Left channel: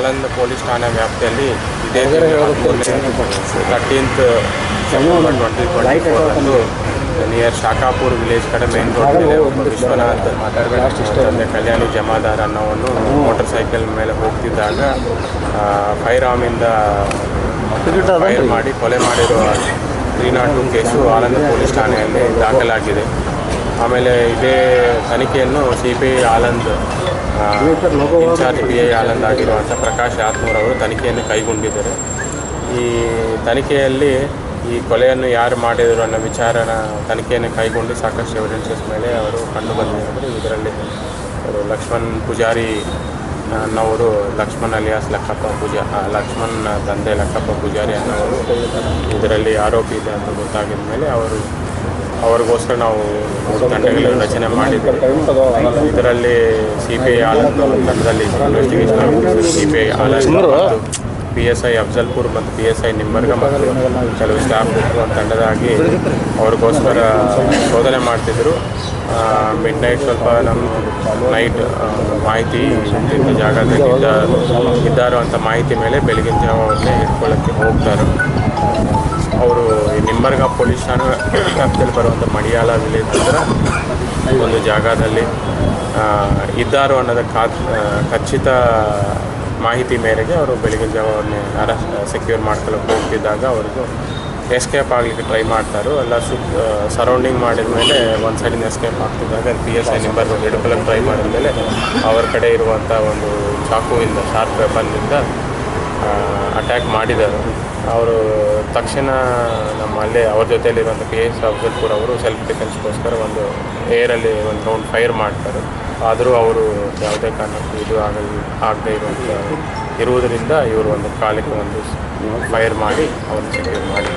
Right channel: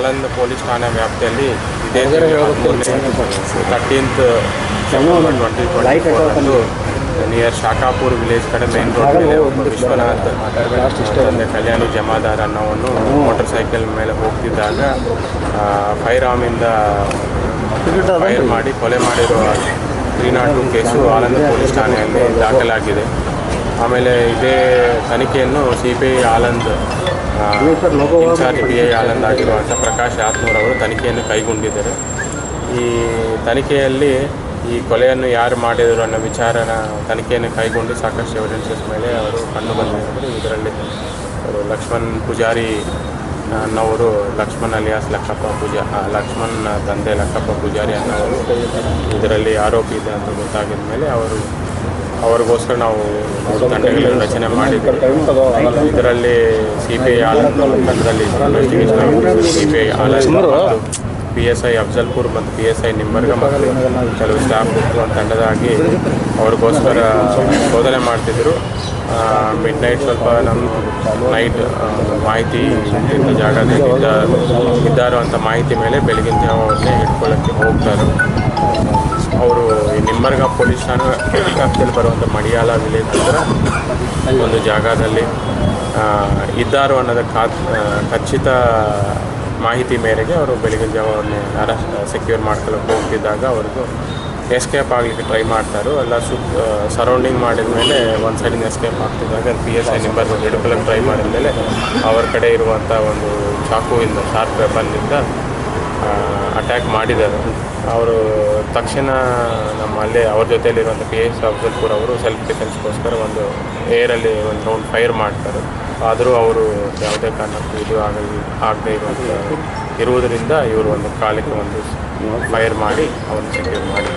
Aland police ಠಾಣೆ ವ್ಯಾಪ್ತಿಯಲ್ಲಿ ಇದೇ 13th September 2024 ನಿಯರ್ ಶಾಖಾಪುರ್ ವಿಲೇಜ್ ಕಡೆ ಮೇನ್ ರೋಡ್ ಮೇಲೆ ಒಬ್ಬ ವಿಶ್ವನಾಥ್ ತಂದೆ ಕಲ್ಯಾಣಿ ಜಮಾದಾರ್ ಅನ್ನೋವನ್ನು ಮೋಟರ್ ಸೈಕಲ್ ಮೇಲೆ ಹೋಗ್ತಿದ್ದಾಗ ಫೈರ್ ಆರ್ಮಿಂದ ಫೈರ್ ಮಾಡಿ ಕೊಲೆ ಮಾಡಿರುವ 302 ಕೇಸು ಆಳಂದ ಪೊಲೀಸ್ ಠಾಣೆಯಲ್ಲಿ ದಾಖಲಾಗಿದೆ. ಆಮೇಲೆ ಇದೇ ತನಿಖೆಯನ್ನು CPI Aland in charge PI Aland ಆಗಿರುವಂಥ ಪ್ರಕಾಶ್ ಆತ್ನೂರ್ ಅವರು ತನಿಖೆಯನ್ನು ಕೈಗೊಂಡಿದ್ದಾರೆ. ಈ ತನಿಖೆಯಲ್ಲಿ ಈ ಕೊಲೆಯನ್ನು ಯಾರು ಮಾಡಿದರು ಅನ್ನೋ ವಿಚಾರನ ತನಿಖೆಯನ್ನು ಕೈಗೊಂಡು ಸಾಕಷ್ಟು ಎವಿಡೆನ್ಸಸ್ ಮೇಲೆ ಅವರು ಕಂಡು ಬಂದಿದ್ದಾರೆ. ಇದರಲ್ಲಿ ಅವರು ಲಕ್ಷ್ಮಣ್ ಪೂಜಾರಿ ಅನ್ನೋರು, ಲಕ್ಷ್ಮಣ್ ಅಲಿಯಾಸ್ ಲಕ್ಷ್ಮಣ್ ತಂದೆ ಲಕ್ಕಪ್ಪ ಪೂಜಾರಿ ಅನ್ನೋರು ಇದರಲ್ಲಿ ಆರೋಪಿ ಇದೆ ಅಂತ ಗೊತ್ತಾಗಿದ ಮೇಲೆ ಅವ್ರಿಗೋಸ್ಕರ ನಾವು 3 ತಂಡಗಳನ್ನು ರಚನೆ ಮಾಡಿದ್ದೀವಿ. ಇದರಲ್ಲಿ CPI ಆಳಂದ್ ತಂಡದಲ್ಲಿ ಇನ್ವೆಸ್ಟಿಗೇಷನ್ CPI ಆಳಂದ್ ಮತ್ತು PSI ಅಫ್ಜಲ್ಪುರ್ ಮತ್ತು PSI ನಿಂಬರ್ಗ ಮತ್ತು ಕೆಲವು ಸ್ಟಾಫ್ ಒಂದು ತಂಡದಾಗಿ ಅವ್ರಿಗೋಸ್ಕರ ಶೋಧನೆ ಮಾಡ್ತಿದ್ದರು. ಮಿಡ್ ನೈಟ್ ಸ್ವಲ್ಪ ನೈಟ್ ಮಾಹಿತಿ ಇಂಥ ಜಾಗದಲ್ಲಿ ಇದ್ದಾರೋ ಅಂಥ ಮಾಹಿತಿ ಮೇಲೆ ಬೆಳಗಿನ ಜಾವ ಅವ್ರನ್ನೇ ಹಿಡ್ಕೊಳ್ಳೋಕ್ಕೆ ಹೋಗ್ತಾರೆ. ಅವರು ಈ ನಿಂಬರ್ಗ ಪೊಲೀಸ್ ಠಾಣೆ ವ್ಯಾಪ್ತಿಯಲ್ಲಿ ಬರುವಂಥ ಮಡಿಯಾಲ ವಿಲೇಜ್ ಹತ್ರ ಒಂದು ಜಾಗದಲ್ಲಿ ಇದ್ದಾರೋ ಅನ್ನೋದ ಖಚಿತ ಮಾಹಿತಿ ಮೇರೆಗೆ ಅವರು ಬೆಳಗಿನ ಜಾವ ಅವ್ರನ್ನೇ ಸೆಕ್ಯೂರ್ ಮಾಡ್ಕೊಳ್ಳೋಕೆ ಹೋಗ್ತಿದ್ದಾಗ ಅವ್ರಿಗೂ ಎಸ್ಕೇಪ್ ಆಗಲಿಕ್ಕೆ ಟ್ರೈ ಮಾಡ್ತಾರೆ. ಎಲ್ಲ ಸರೌಂಡಿಂಗ್ ಮಾಡಿದ ಮೇಲೆ ಒಂದು ಸೈಡಿನ ಎಸ್ಕೇಪ್ ಆಗ್ತಿದ್ದಾಗ PSI ನಿಂಬರ್ ಹಿಡ್ಕೊಳ್ಳೋಕೆ ಟ್ರೈ ಮಾಡಿದ ಮೇಲೆ ಅವ್ರ ಕಡೆ ಇರುವಂಥ ಒಂದು ಚಾಕುವಿಂದ ಶಾರ್ಪ್ ವೆಪನ್ನಿಂದ ಅಟ್ಯಾಕ್ ಮಾಡಿದ್ದಾರೆ. ಅವರು ತಕ್ಷಣ ನಮ್ಮಲ್ಲೇ ಅವ್ರ ಜೊತೆಯಲ್ಲಿರುವಂಥ PSI ಅಫ್ಜಲ್ಪುರ್ ಅವರು ಸೆಲ್ಫ್ ಡಿಫೆನ್ಸ್ಗೋಸ್ಕರ ಒಂದು ಏರಲ್ಲಿ ಒಂದು ರೌಂಡ್ ಫೈರ್ ಮಾಡ್ತಾರೆ. ಆದರೂ ಅವರು ಯಾವುದೇ ಕಾರಣಕ್ಕೂ ಇದು ಆಗದೇ ಇರುವುದರಿಂದ ಇವರು ಒಂದು ಕಾಲಿಗೆ ಒಂದು ಫೈರ್ ಮಾಡಿ ಅವ್ರನ್ನ ಸೆಕ್ಯೂರ್ ಮಾಡಿ